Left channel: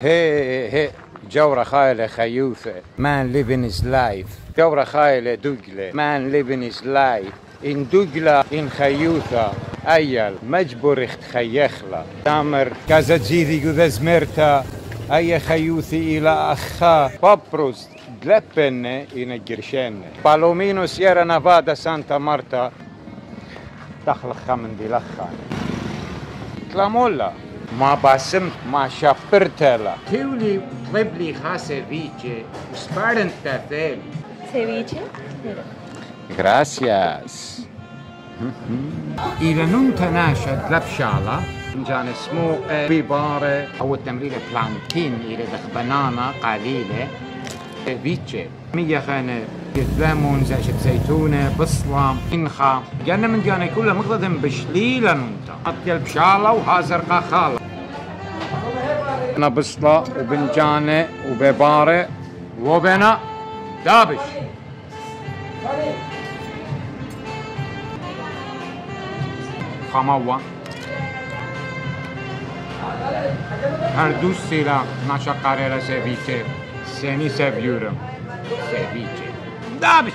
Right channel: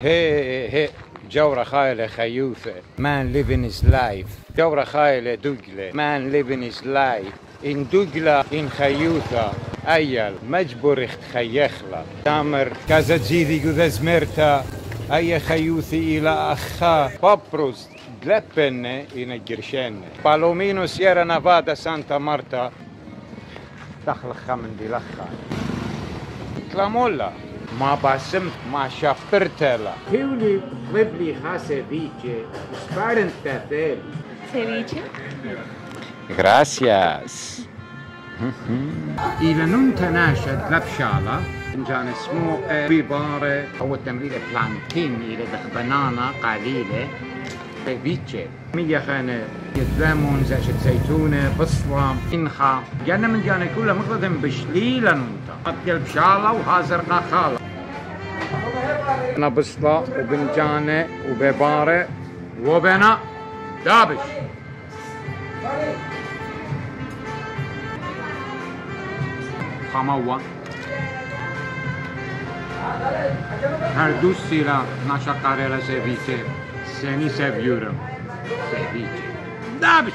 Hey, Jawra Khaile Khayoufe, man living his life. Jawra Khaile Dugle, man living his life. In Dugla, in Khayoufa, Ayal, Majburicht Khayekhla. Tamer, Kazadzidi Gudazmerta, Aya Khayouthi ila Akha, Paprust, Glepenne in a Girshenne. Palomino Sierra Nevada Santa Marta, Dakhla Khamendilakha. Klamolla. ما باسم ما شافرتلا تولي طلب لي ceviche وسبارنت كافيل ceviche. Gracias. إذا ننت ناشد لبشالة إنجان اسمه بيبارة أو التمرير بلانتين إلى دخ بنانا قليلة ceviche مية خانة ليمون زاشت زيتونة بصلة إنخا جانا من جانا كلها مقدم بشليلة ننت أطيل بشالة وهازر خالة أنا بصلة وبنجانة وببارة وبنا دابش خموة هردوس سيلا ناشا قاريلا سيفيتي سيني سيفيورو سيفيتي دابش